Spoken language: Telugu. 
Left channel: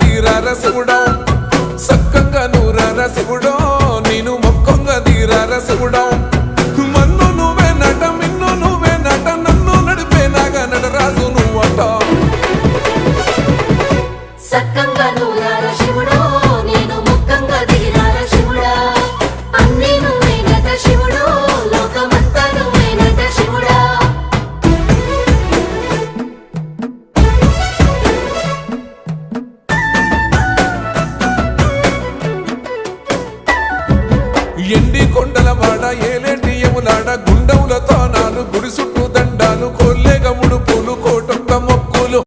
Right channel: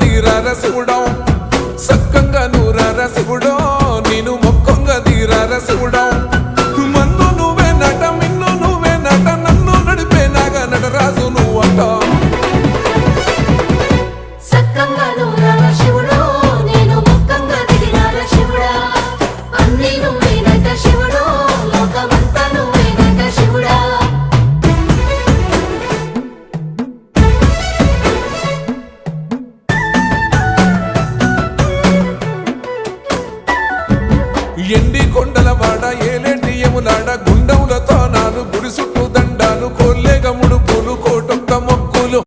దీరార శివుడో సక్కంగా నూరార శివుడో నేను మొక్కంగా దీరార శివుడో మన్ను నువ్వే నట మిన్ను నువ్వే నట నన్ను నడిపే నాగా నటరాజు నువ్వట ఎండి కొండల వాడ ఏలేటి యములాడ గుండములతో నాలు గుడి చుట్టూ దండాలు కొల్లేగముడు